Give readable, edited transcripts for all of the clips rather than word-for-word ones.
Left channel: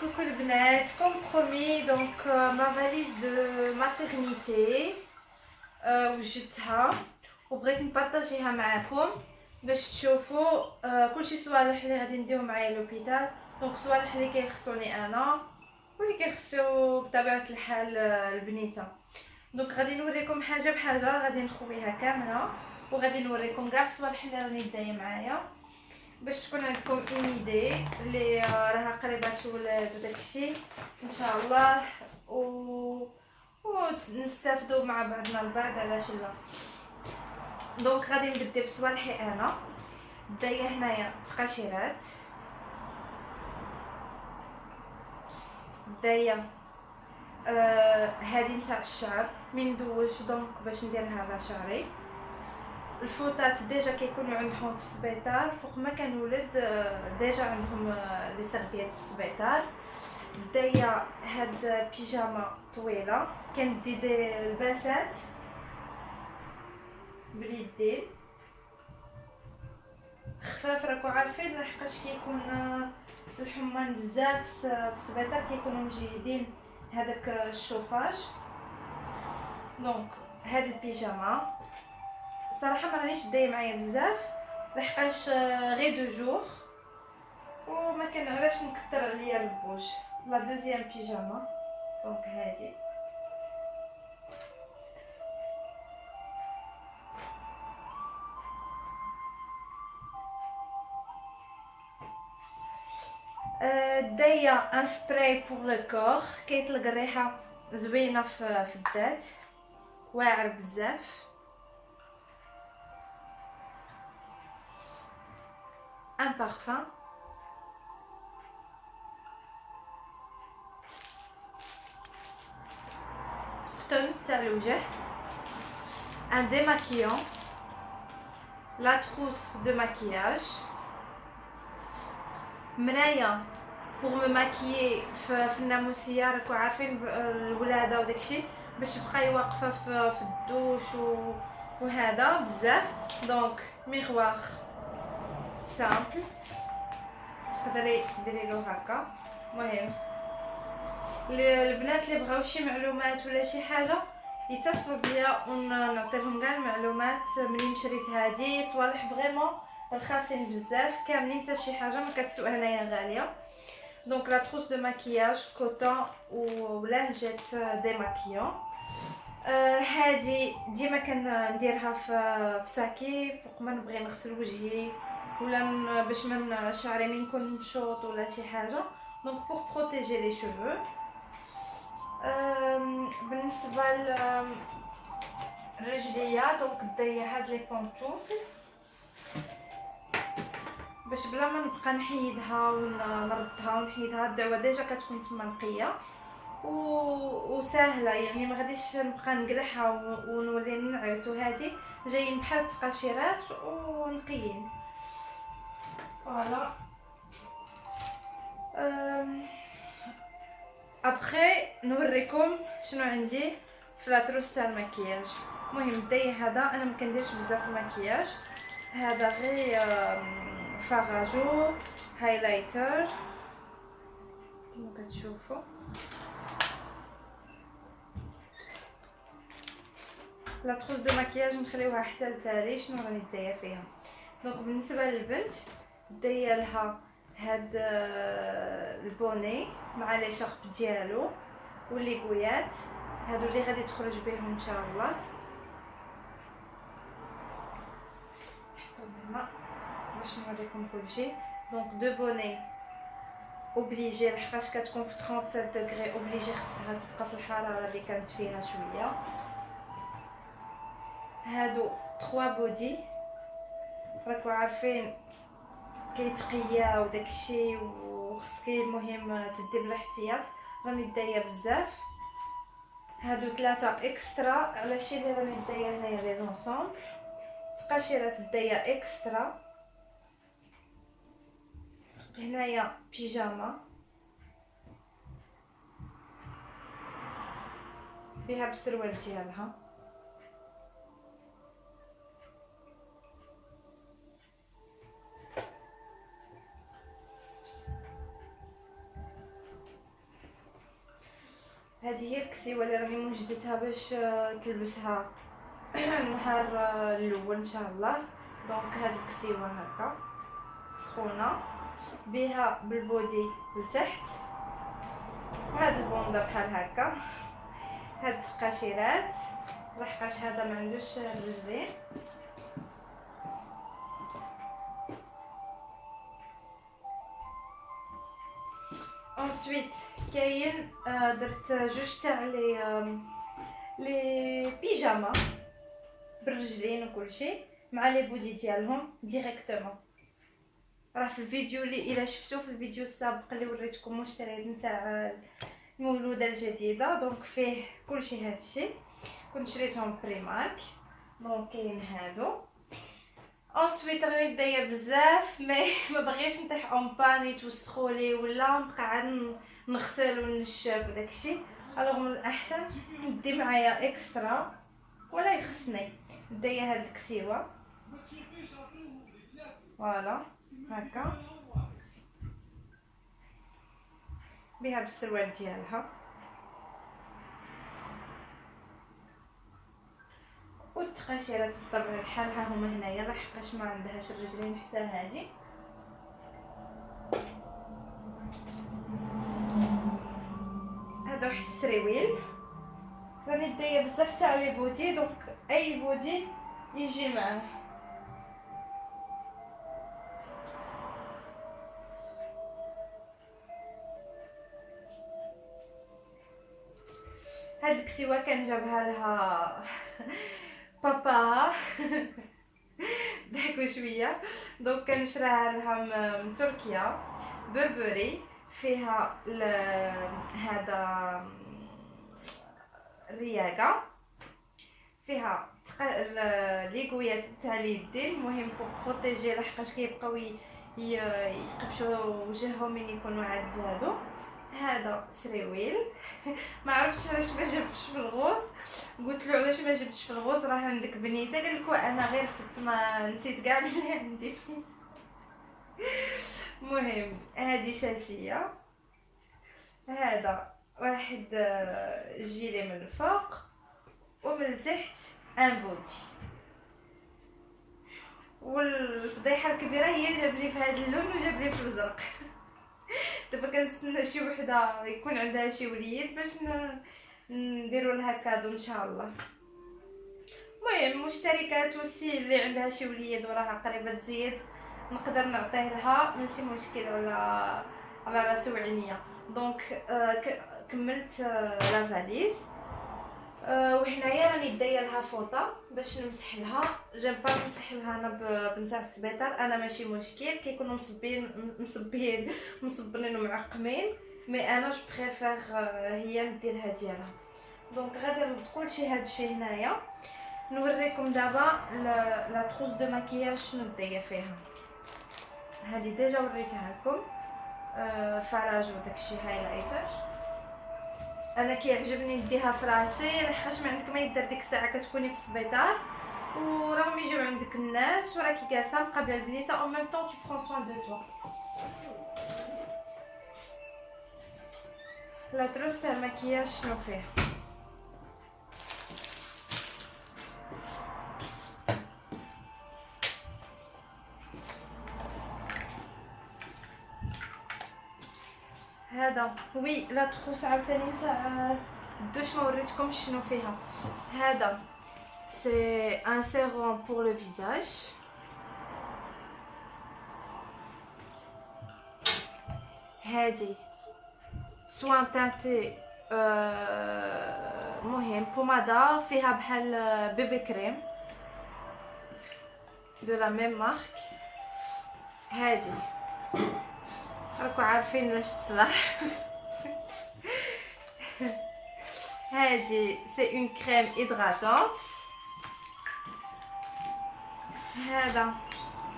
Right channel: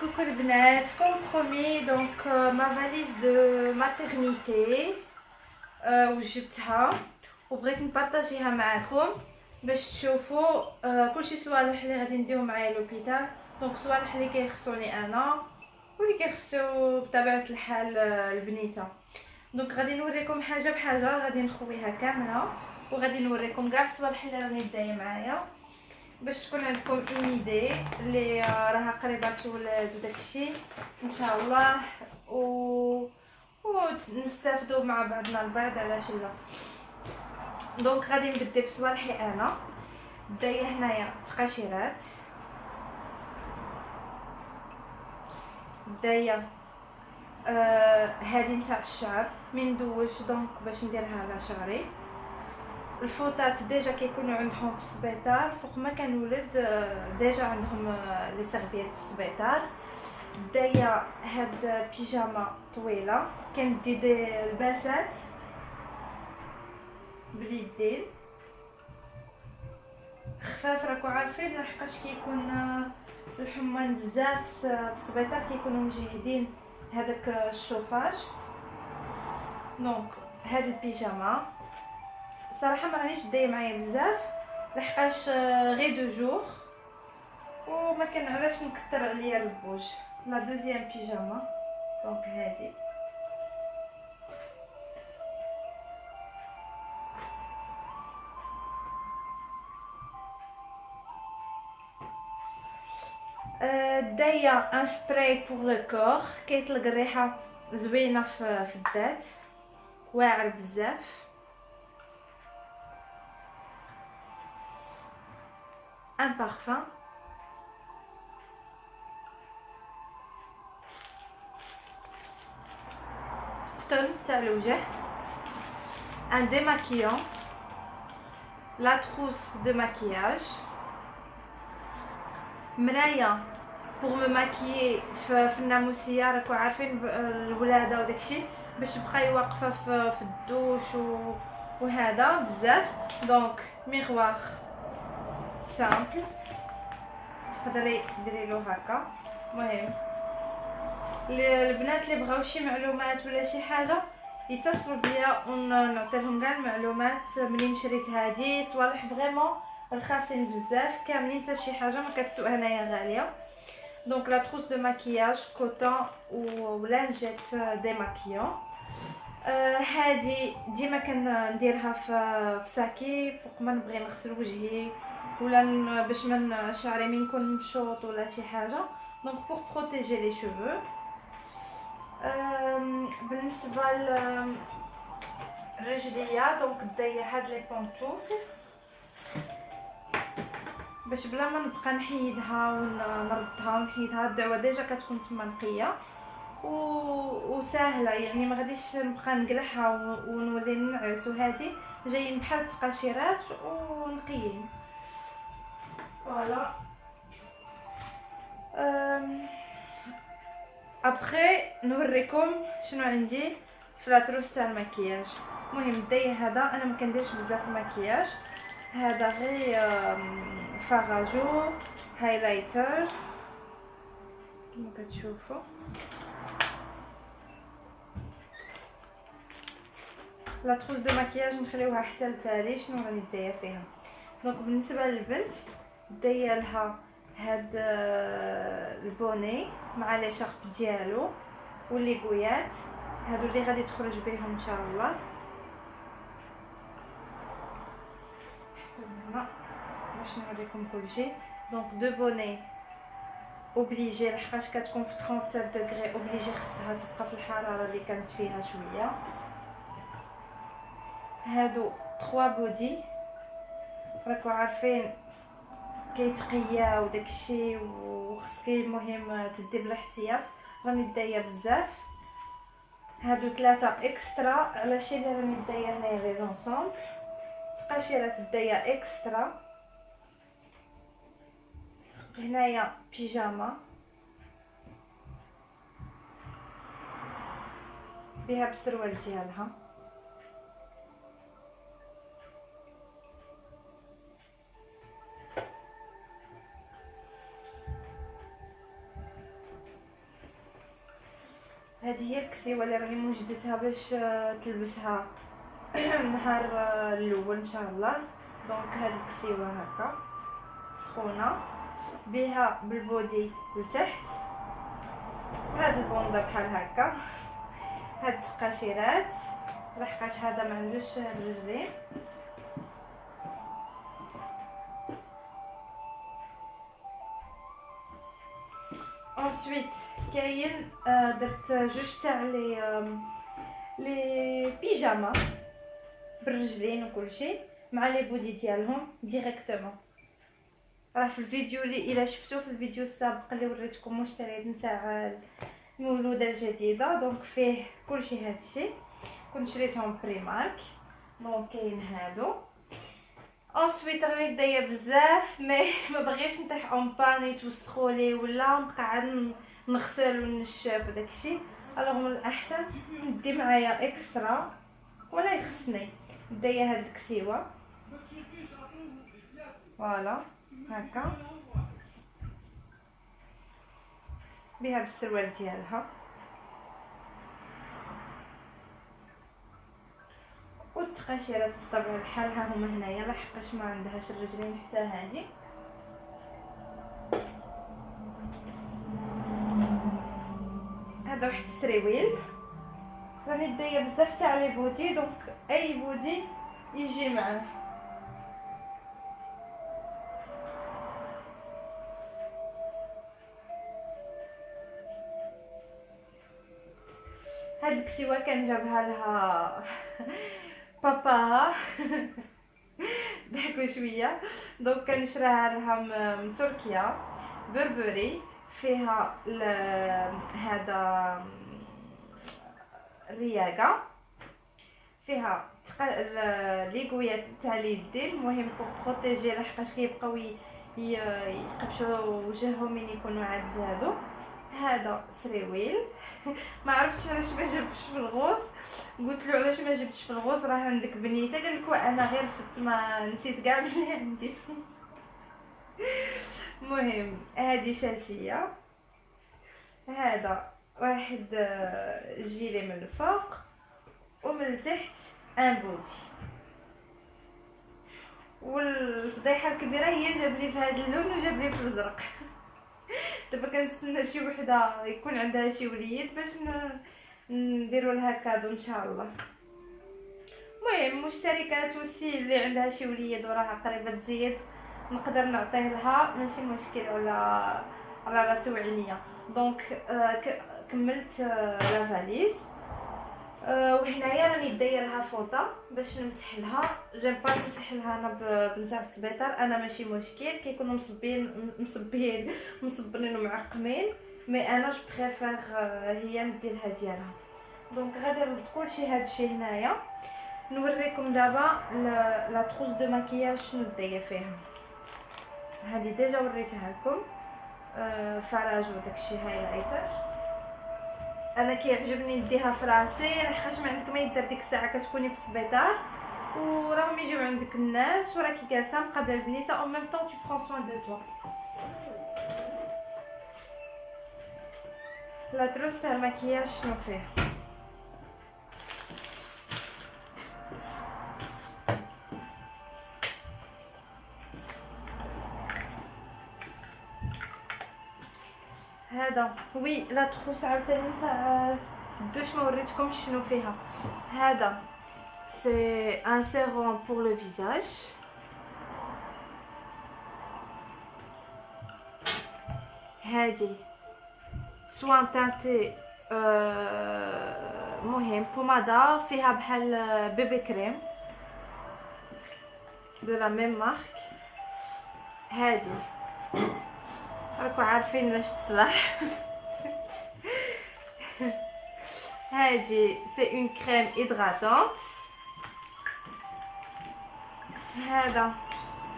Coucou les bnات, comme promis, donc ma valise de maternité وجدتها وبغيت نبارطاجيها معكم باش تشوفوا كلشي صوالح اللي غادي نديهم معايا لوبيتال. دونك صوالح اللي كيخصوني انا واللي كيخصو بطبيعه الحال البنيته. دونك غادي نوريكم حاجه بحاجه، غادي نخويها كامله وغادي نوريكم كاع الصوالح اللي غادي ندير معايا باش تكون عندكم اون ايدي اللي راها قريبه تولد وداكشي ان شاء الله ونستافدوا مع بعضنا البعض علاش لا. دونك غادي نبدا بصوالحي انا. دايه هنايا تقاشيرات، دايه هادي نتاع الشعر من دوش دونك باش نديرها على شعري. الفوطات ديجا كيكونوا عندهم في السبيطار فوق ما كنولد، ديجا عندهم لي سيرفيات في السبيطار. دايا هاد بيجاما طويله كندي دي الباسات باليدين خفاف، راكو عارفين لحقاش كيكون الحمان بزاف في السبيطار كيكونوا مجيدين هذاك الشوفاج. دونك هاد البيجاما صراحه ما رانيش دايه معايا بزاف لحقاش غير دو جور وما كان علاش نكثر عليا البوج. لا دوزيام بيجاما دونك هادي دايا ان سبراي بور لو كور كيطلق الريحه زوينه في الذات، واعر بزاف. ان بارفان، طن تاع الوجه، ان ديماكيون، لا تروس دو ماكياج، مرايه بوغ مو ماكيي في الناموسيه، راكو عارفين الولاده وداكشي باش تبقاي واقفه في الدوش وهذا بزاف. دونك ميغوار سامبل تقدري ديري له هكا. المهم البنات اللي بغاو شي معلومات ولا شي حاجه يتصلوا بيا ونعطيهم كاع المعلومات. منين شريت هادي صوالح فريمون رخاصين بزاف كاملين، حتى شي حاجه ما كتسوق هنايا غاليه. دونك لا تروس دو ماكياج كوتون ولانجيت ديماكيون. هادي ديما كنديرها في ساكي فوق ما نبغي نغسل وجهي ولا باش من شعري من نكون مشوط ولا شي حاجه. دونك بوغ بروتيجي لي شوفو. بالنسبه للرجليه دونك دايه هاد لي بونطوفل باش بلا ما نبقى نحيدها ونردها ونحيدها، الدعوه ديجا كتكون تما نقيه وسهله، يعني ما غاديش نبقى نقلعها ونولي ننعس. وهادي جايين بحال التقاشيرات ونقيين فوالا. ابخي نوريكم شنو عندي في لاطروس تاع المكياج. المهم الداي هذا انا ما كنديرش بزاف المكياج، هذا غير فاراجو هايلايتر كما كتشوفوا. لاطروس دو مكياج نخليوها حتى لتالي شنو راني دايه فيها. دونك بالنسبه للبنت دايه لها هاد البوني مع لي شارب ديالو واللي قويات هادو اللي غادي تخرج بهم ان شاء الله. حتى هنا باش نوريكم كلشي. دونك دو بوني اوبليجي لحقاش كتكون في 37 دوغري اوبليجي خصها تبقى في الحراره اللي كانت فيها شويه. هادو 3 بودي راكو عارفين كيتقيا وداكشي وخصكي المهم تدي بالاحتياط، راني دايه بزاف. هادو 3 اكسترا علاشي اللي راني دايه هنايا لي زونسومبل. تقاشيرات دايه اكسترا. هنايا بيجاما بها بالسروال ديالها. هذه هي الكسيوه اللي راني موجدتها باش تلبسها النهار الاول ان شاء الله. دونك هذه الكسيوه هكا سخونه بها بالبودي لتحت، وهاد البوندا بحال هكا، هاد التقاشيرات لحقاش هذا ما عندوش الرجلين. انسويت كاين درت جوج تاع لي بيجاما بالرجلين وكلشي مع لي بودي ديالهم ديريكتومون. راه في الفيديو اللي الا شفتوه في الفيديو السابق اللي وريتكم اشتريت نتاع المولوده الجديده، دونك فيه كلشي هادشي كنت شريتهم بريمارك. دونك كاين هادو. انسويت راني دايه بزاف ما بغيتش نطيح اون باني توسخولي ولا نبقى نغسل ونشف وداكشي، الوغ من الاحسن ندي معايا اكسترا ولا يخصني. دايه هاد الكسيوه فوالا هكا بها بالسروال ديالها، والتقاشيرات بطبيعه الحال ها هما هنايا لحقاش ما عندهاش الرجلين حتى هادي. هذا واحد السريويل راني دايه بزاف تاع لي بودي، دونك اي بودي يجي معاه. هاد الكسيوه كان جابها لها بابا ضحكوا شويه. دونك كان شراها لها من تركيا، بربري فيها هذا الرياقه، فيها ليغويات تاع اليدين، المهم بروتيجي لحقاش كيبقاو يقبشوا وجههم من يكونوا عاد زادوا. هذا سريويل ما عرفتش علاش ما جبتش في الغوص، قلت له علاش ما جبتش في الغوص راه عندك بنيته، قال لك انا غير فت ما نسيت كاع بلي عندي بنيته. المهم هذه شاشيه، هذا واحد جيلي من الفوق ومن التحت ان بودي. والفضيحه الكبيره هي جاب لي في هذا اللون وجاب لي في الازرق. دابا كنستنى شي وحده يكون عندها شي وليد باش نديروا لها كادو ان شاء الله. المهم مشتركات وسي اللي عندها شي وليد وراها قريبه تزيد نقدر نعطيه لها ماشي مشكل على راسي وعينيا. دونك كملت لا فاليز، وهنايا راني دايه لها فوطه باش نمسح لها. جيم با نمسح لها انا بنتاع السبيطار، انا ماشي مشكل كيكونوا مصبنين ومعقمين، مي انا جو بريفير هي ندير لها ديالها. دونك غادي نرد كلشي هادشي هنايا نوريكم دابا لا تروس دو ماكياج شنو دايه فيها. هذه ديجا وريتها لكم فراج وداكشي هايلايتر. انا كيعجبني نديها في راسي لحقاش ما عندك ما يدير ديك الساعه كتكوني في السبيطار وراهم يجيو عندك الناس وراكي جالسه مقابله البنيته او ميم طون tu prends soin de toi. لا تروس تاع المكياج شنو فيه؟ هذا وي لا تروس عاوتاني تاع الدوش ما وريتكمش شنو فيها. هذا سي ان سيروم بور لو فيزاج، هادي سوان تانتي مهم بومادا فيها بحال بيبي كريم دو لا ميم مارك. هادي راكو عارفين لاش تصلح. هادي سي اون كريم هيدراتونت. هذا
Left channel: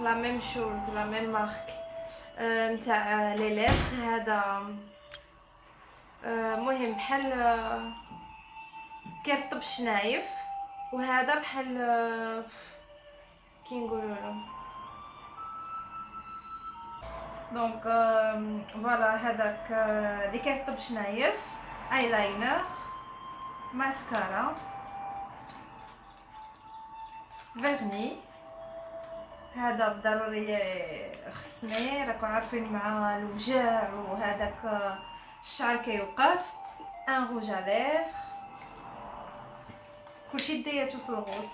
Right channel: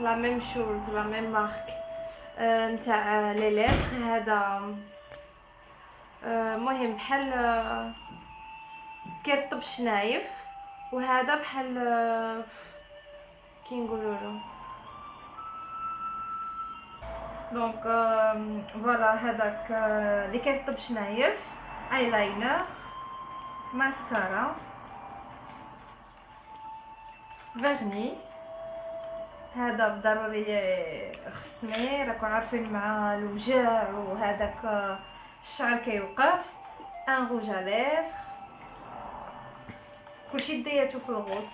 لا ميم شوز لا ميم مارك نتاع لي ليتر. هذا مهم بحال كيرطب شنايف، وهذا بحال كي نقولوا دونك فوالا هذاك اللي كيرطب شنايف ايلاينر. ماسكارا، فيرني. هذا ضروري خصني، راكم عارفين مع الوجع وهذاك الشعر كيوقف. ان روج ا ليفر، كلشي دياتو في الغوص.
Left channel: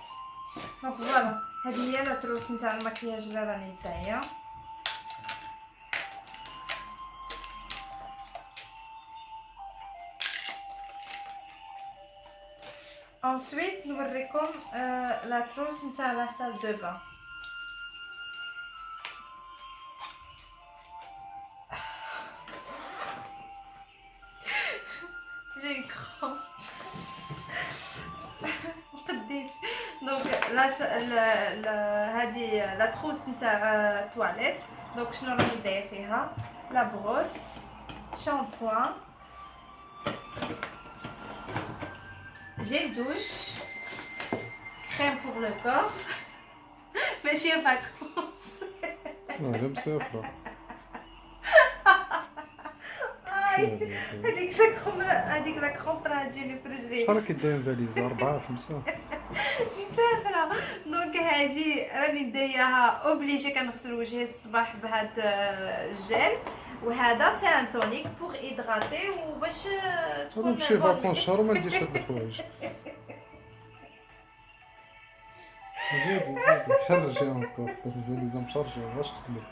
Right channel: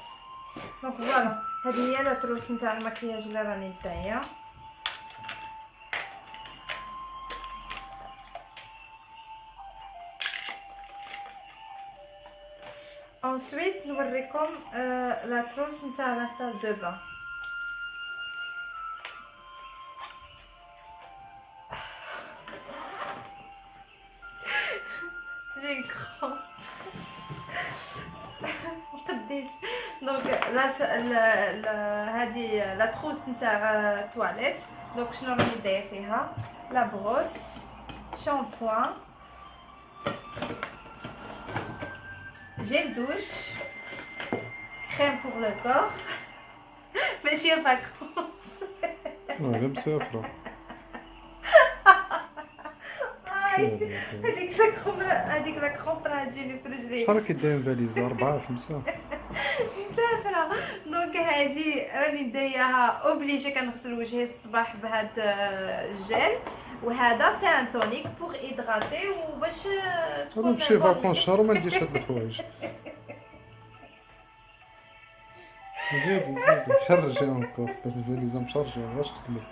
دونك فوالا، هذه هي لا تروس نتاع المكياج اللي راني دايه. ensuite نوريكم لا تروس نتاع لا سال دو بان. جي كرون قديت. دونك هذه لا تروس نتاع تواليت. دونك شنو راني دايره فيها؟ لا بروس، شامبوان، جيل دوش، كريم بور لو كور. ماشي فاكونس، غير مسافرة. هذيك لا كرومب راه تجيني في رجلي. شحال كيداير فاليزة؟ 4 5؟ مسافرة. دونك هادي راني داياها اوبليجي، كنغسل وجهي الصباح بهاد الجيل، وهذا سي ان تونيك بوغ ايدغاتي وباش تكون نمشي فاكونس شهر وما نديرش هاد الحوايج. زيدي خرجي انكور الفاليزة مشارجة واش تقلب.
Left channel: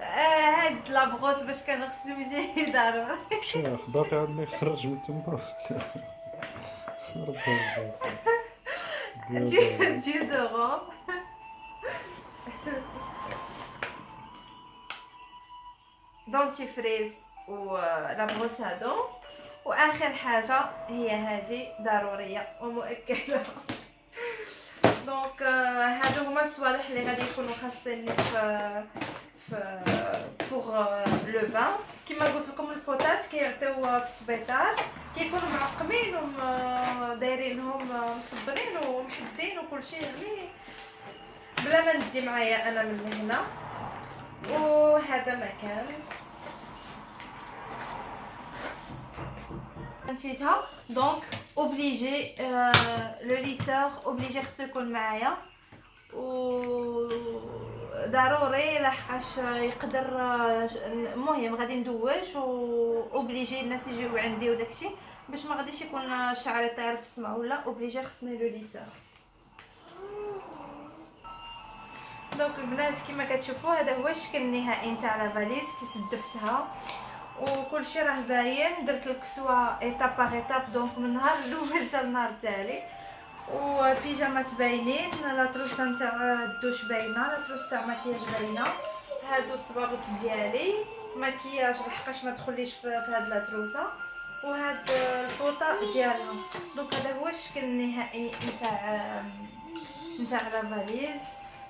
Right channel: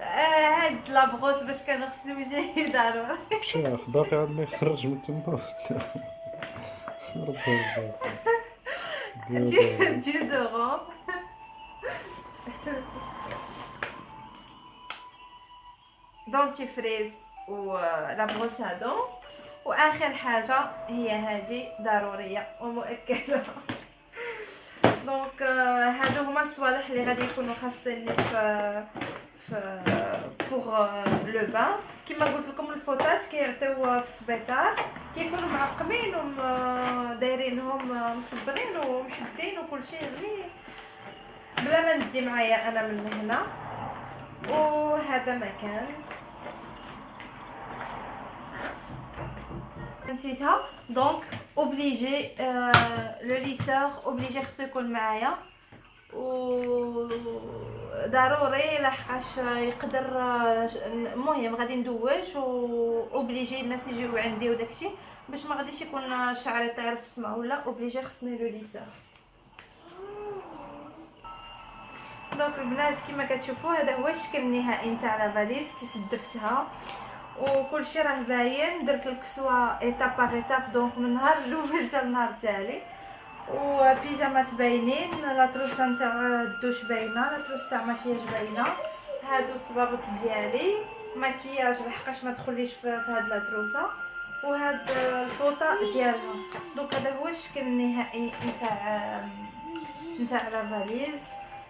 هاد لابغوس باش كنغسل وجهي ضروري. شيخ باقي عندنا يخرج من تما. ديودورون، دونتيفريز ولا بروس ا دون. واخر حاجه هي هذه ضروريه ومؤكده. دونك هادو هما الصوالح اللي غادي يكونوا خاصيني في بوغ لو بان. كما قلت لكم الفوطات كيعطيو في السبيطار، كيكونوا معقمين ودايرينهم مصبرين ومحدين وكلشي، غير بلا ما ندي معايا انا من هنا. وهذا مكان نسيتها. دونك اوبليجي لو ليسور اوبليجي خصو يكون معايا، وضروري لحقاش يقدر. المهم غادي ندوش واوبليجي الناس يجيو عندي وداكشي، باش ما غاديش يكون شعري طاير في السما ولا اوبليجي خصني لو ليسور. دونك البنات كما كتشوفوا هذا هو الشكل النهائي نتاع لا فاليز كي سدفتها، وكلشي راه باين. درت الكسوه ايتاب باغ ايتاب، دونك من النهار الاول حتى النهار التالي. وبيجامات باينين، لا تروس نتاع الدوش باينه، لا تروس تاع مكياج باينه. هادو الصباغط ديالي مكياج لحقاش ما تدخليش في هاد لا تروسه، وهاد الفوطه ديالها. دونك هذا هو الشكل النهائي نتاع لا فاليز.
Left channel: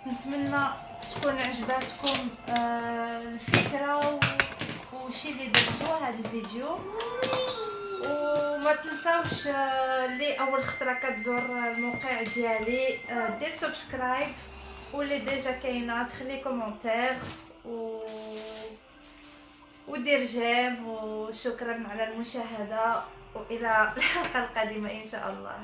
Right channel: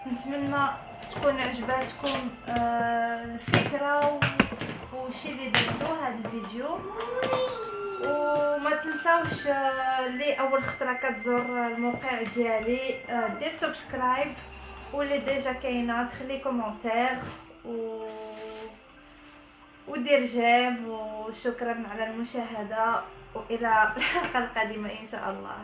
نتمنى تكون عجباتكم الفكره وشي اللي درتو هذا الفيديو. وما تنساوش اللي اول خطره كتزور الموقع ديالي دير سبسكرايب، واللي ديجا كاينه تخلي كومونتير ودير جيم. وشكرا على المشاهده، والى الحلقه القادمه ان شاء الله.